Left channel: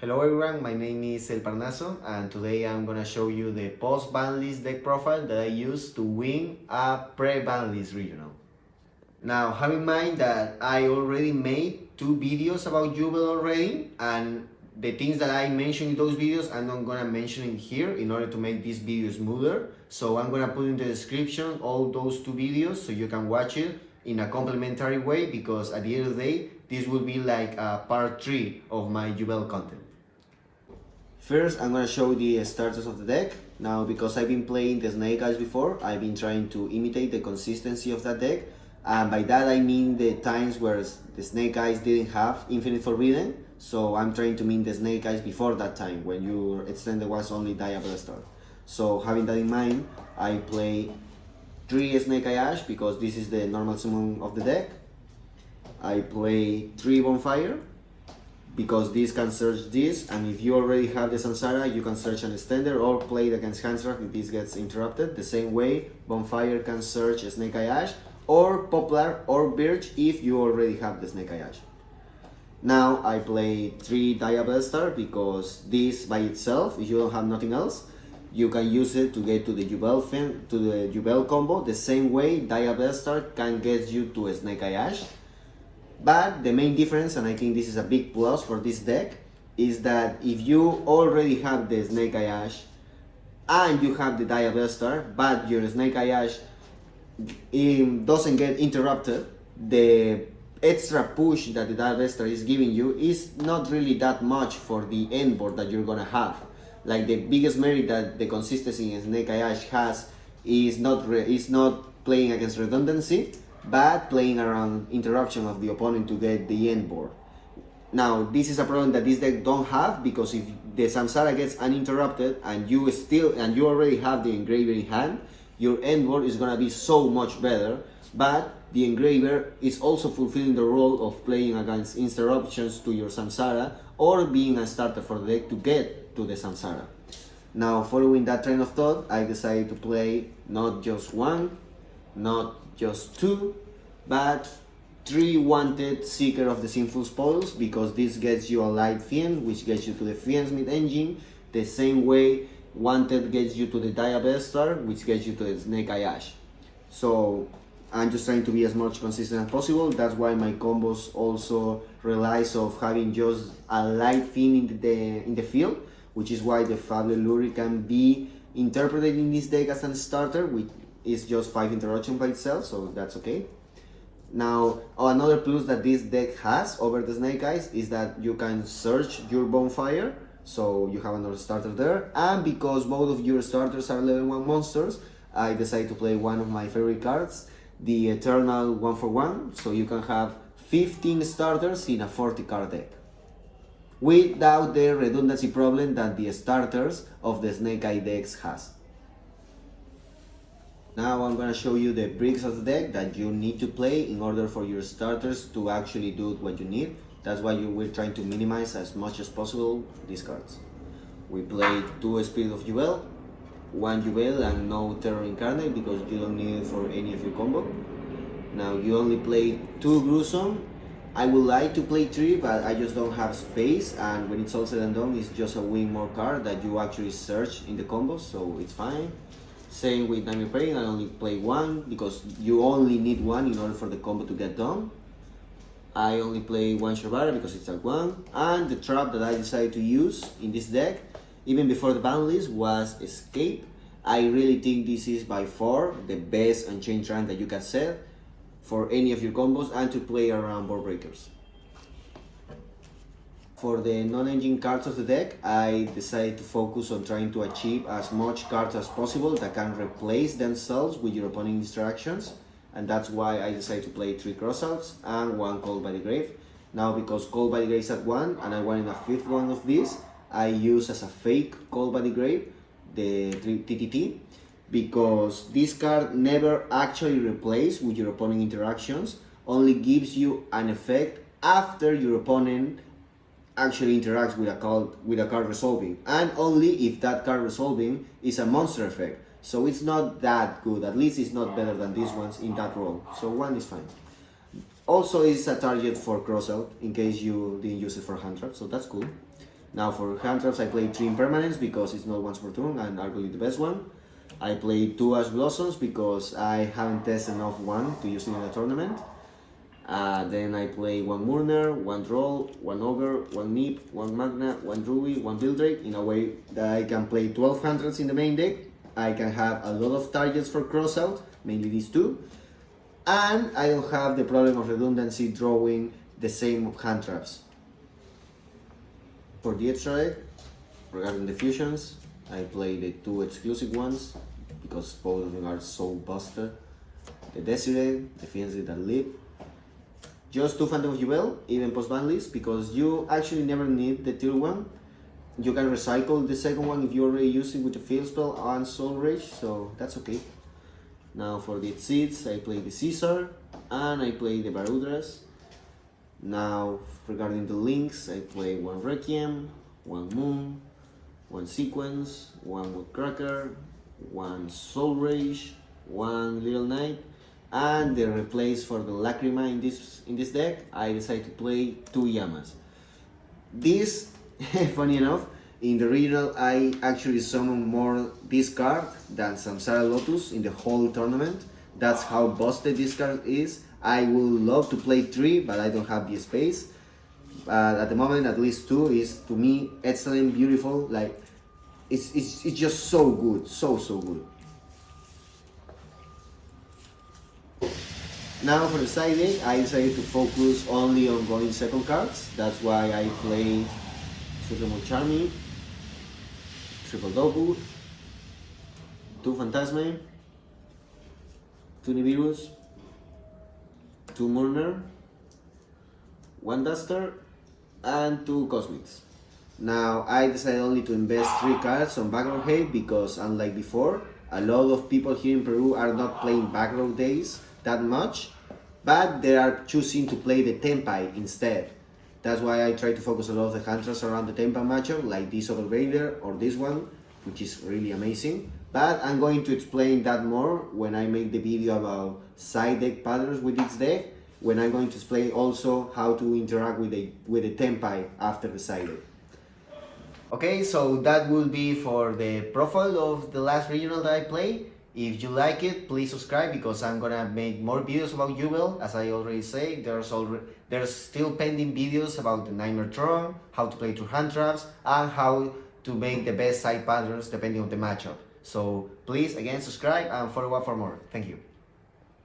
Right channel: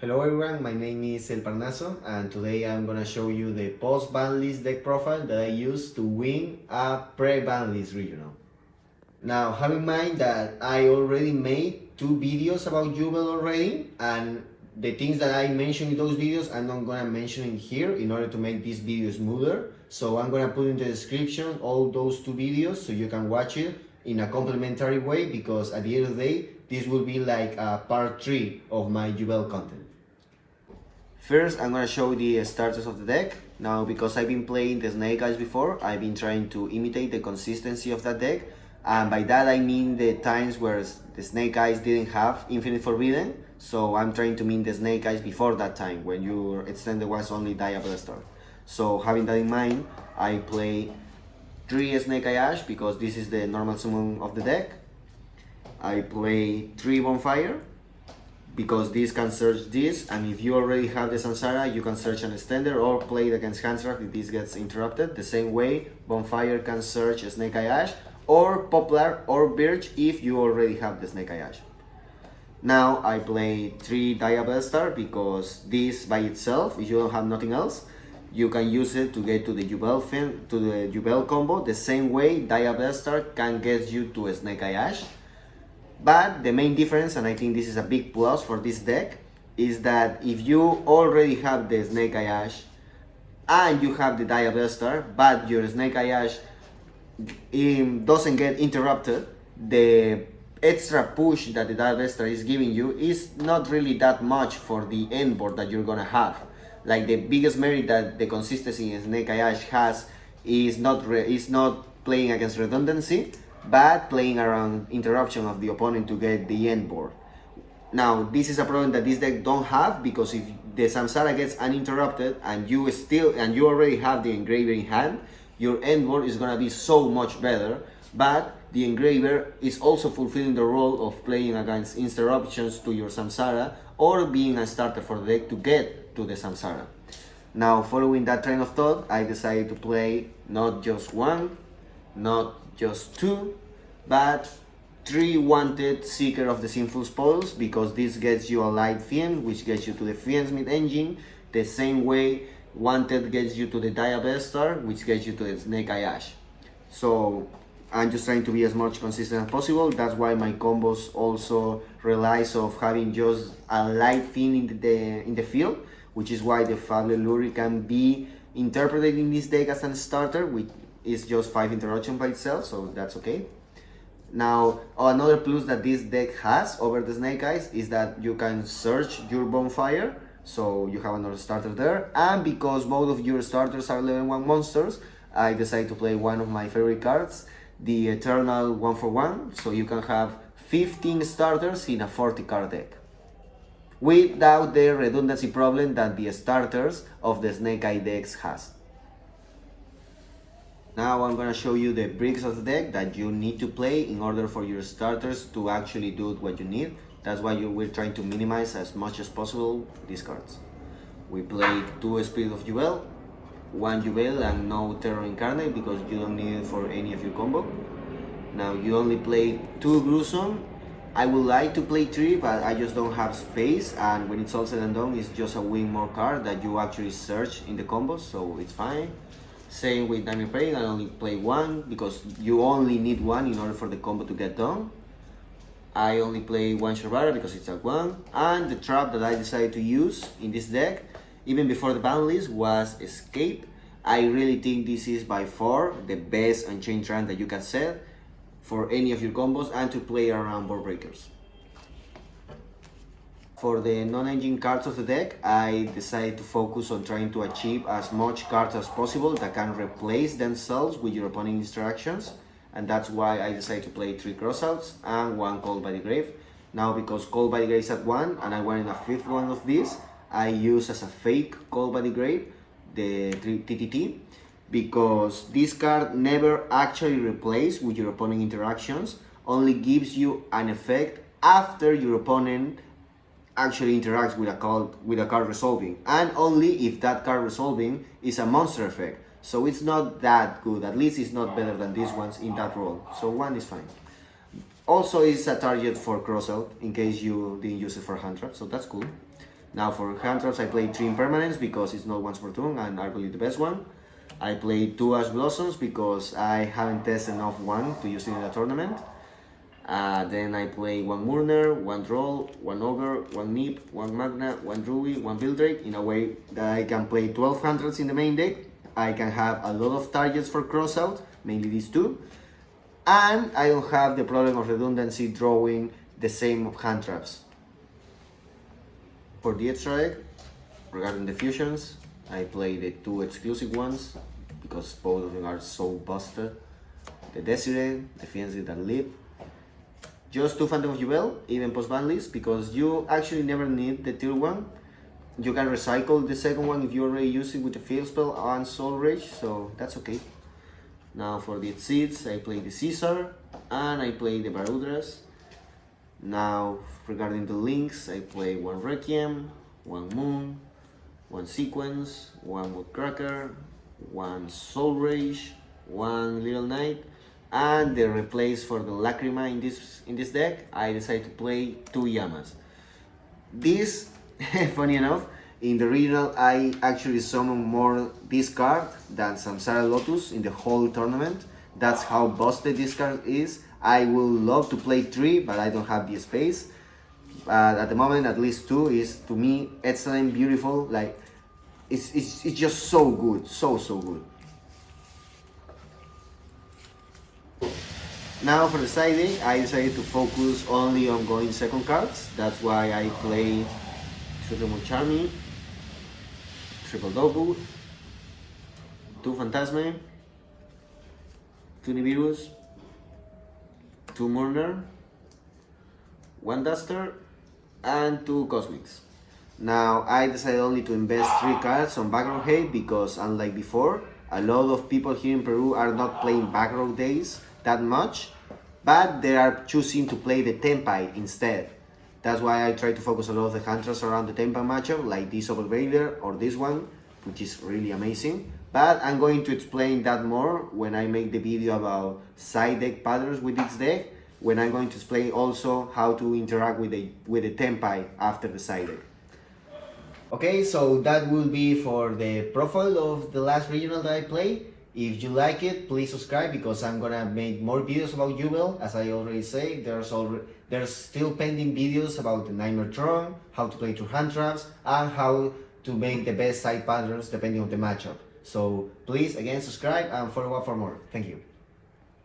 Hello everyone, my name is El Parnaso and today I'm gonna show you the post-banlist deck profile that I use to win a pre-banlist regional. Now have in mind that I already made 2 videos about Yugioh already, and the things that I mentioned in those videos I'm not gonna mention in here in order to make this video smoother. So I'm gonna put in the description all those 2 videos so you can watch it in a complementary way, because at the end of the day this will be like a part 3 of my Yugioh content. First, I'm gonna show the starters of the deck. Now, because I've been playing the Snake Eyes before, I've been trying to imitate the consistency of that deck. And by that I mean the times where the Snake Eyes didn't have Infinite Forbidden. So I'm trying to mean the Snake Eyes before that time, when your extended was only Diablo. So having that in mind, I play 3 Snake Eye Ash because this is the normal summon of the deck. I play 3 Bonfire, because this can search this, and if you already have the Samsara, you can search an extender or play it against Handcraft if this gets interrupted. The same way, Bonfire can search a Snake Eye Ash, or Poplar or Birch if you already have the Snake Eye Ash. Now I play 3 Diablo because this by itself, if you don't have nothing else, you can use it to get to the Yugioh combo, the same way Diablo can get you to a Snake Eye Ash. But the main difference, and I think this is a big plus for this deck, is that if you already have the Snake Eye Ash and you have the Diablo, but your Snake Eye Ash doesn't get interrupted, the extra push that the Diablo is giving you is not really that much for the end board that you're gonna have. Like, the biggest merit that the consistency in Snake Eye Ash has is not playing against redundancy, but playing around interruption of the opponent to get the end board. Now, this is a problem that this deck don't have, because if the Samsara gets uninterrupted and you already have the Engraver in hand, your end board is gonna be so much better. But the Engraver is also fulfilling the role of playing against interruptions to your Samsara, or being a starter for the deck to get to the Samsara. Now, following that train of thought, I decided to play not just 1, not just 2, but 3 wanted Seeker of the Sinful Spoils, because this gets you a Light Fiend, which gets you to the Fiendsmith engine, the same way wanted gets you to the Diablo, which gets you to the Snake Eye Ash. So I'm just trying to be as much consistent as possible. That's why my combos also relies of having just a Light Fiend in the field, which is why the Fable Lure can be interpreted in this deck as a starter, which is just 5 interruption by itself, so that's okay. Now, another plus that this deck has over the Snake Eyes is that you can search your Bonfire, so you have another starter there. And because both of your starters are level 1 monsters, I decided to play one of my favorite cards, the Eternal 1-for-1, so you can have 15 starters in a 40 card deck, without the redundancy problem that the starters of the Snake Eye decks has. Now I'm gonna show you the bricks of the deck that you need to play in order for your starters to actually do what you need. That's why we're trying to minimize as much as possible these cards. We played 2 Spirit of Yugioh, 1 Yugioh and no Terror Incarnate, because you don't need it for any of your combo. Now you only play 2 Gruesome. I would like to play 3, but I just don't have space, and when it's all said and done, it's just a win more card that you actually search in the combos, so it's fine. Same with Nightmare Prey, I only play 1 because you only need 1 in order for the combo to get done. I only play 1 Shabara because it's at 1, and the trap that I decided to use in this deck, even before the ban list, was Escape. I really think this is by far the best Unchained trap that you can set for any of your combos and to play around board breakers. For the Nonengine cards of the deck, I decided to focus on trying to achieve as much cards as possible that can replace themselves with your opponent's interactions, and that's why I decided to play 3 Crossouts and 1 Cold by the Grave. Now, because Cold by the Grave is at 1 and I wanted a 5th one of this, I use as a fake Cold by the Grave the TTT, because this card never actually replaces with your opponent interactions, only gives you an effect after your opponent actually interacts with a card resolving, and only if that card resolving is a monster effect. So it's not that good, at least it's not better than these ones in that role, so 1 is fine. Also, it's a target for crossout in case you didn't use it for hand trap, so that's cool. Now for hand traps I play 3 impermanents because it's not once per turn and arguably the best one. I play 2 Ash Blossoms because I haven't tested enough one to use it in a tournament. Then I play 1 Murner, 1 Droll, 1 Ogre, 1 Nip, 1 Magna, 1 Ruby, 1 Bildrake, in a way that I can play 12 hundreds in the main deck. I can have a lot of targets for crossout, mainly these two. And I don't have the problem of redundancy drawing the same hand traps. For the extra deck, regarding the fusions, I play the 2 exclusive ones because both of them are so busted. The Desiree, the Fiancé that live. Just 2 Phantom of Yugioh, even post banlist, because you actually never need the tier 1. You can recycle the second one if you already use it with the Field Spell and Soul Rage, so that's okay. Now for the Exceeds, I play the Caesar and I play the Barudras. Now regarding the links, I play 1 Requiem, 1 Moon, 1 Sequence, 1 Woodcracker, 1 Soul Rage, 1 Little Knight, and the replace for the Lacrima in this deck, I decided to play 2 Yamas. This, funny enough, in the regional I actually summoned more this card than Samsara Lotus in the whole tournament. That's how busted this card is. I would love to play 3, but I don't have the space. At the moment, at least 2 is, to me, excellent, beautiful. Like, it's just so good, so good. Now for the side deck, I decided to focus only on going second cards. That's why I play Triple Charmy, Triple Goku, 2 Phantasme, 2 Nibiru's, 2 Murner, 1 Duster, and 2 Cosmics. Now I decided only to invest 3 cards on back row hate because, unlike before, a lot of people here in Peru are not playing back row days that much, but they are choosing to play the Tenpai instead. That's why I try to focus a lot of the hand traps around the Tenpai matchup, like this Overvader or this one, which is really amazing. But I'm going to explain that more when I make the video about side deck patterns with this deck, when I'm going to explain also how to interact with the Tenpai after the side deck. Okay, so that will be for the profile of the last regional that I played. If you like it, please subscribe because I'm gonna make more videos about Yugioh. As I already say, there's still pending videos about the Nightmare Throne, how to play through hand traps, and how to make the best side patterns depending on the matchup. So please, again, subscribe and follow up for more. Thank you.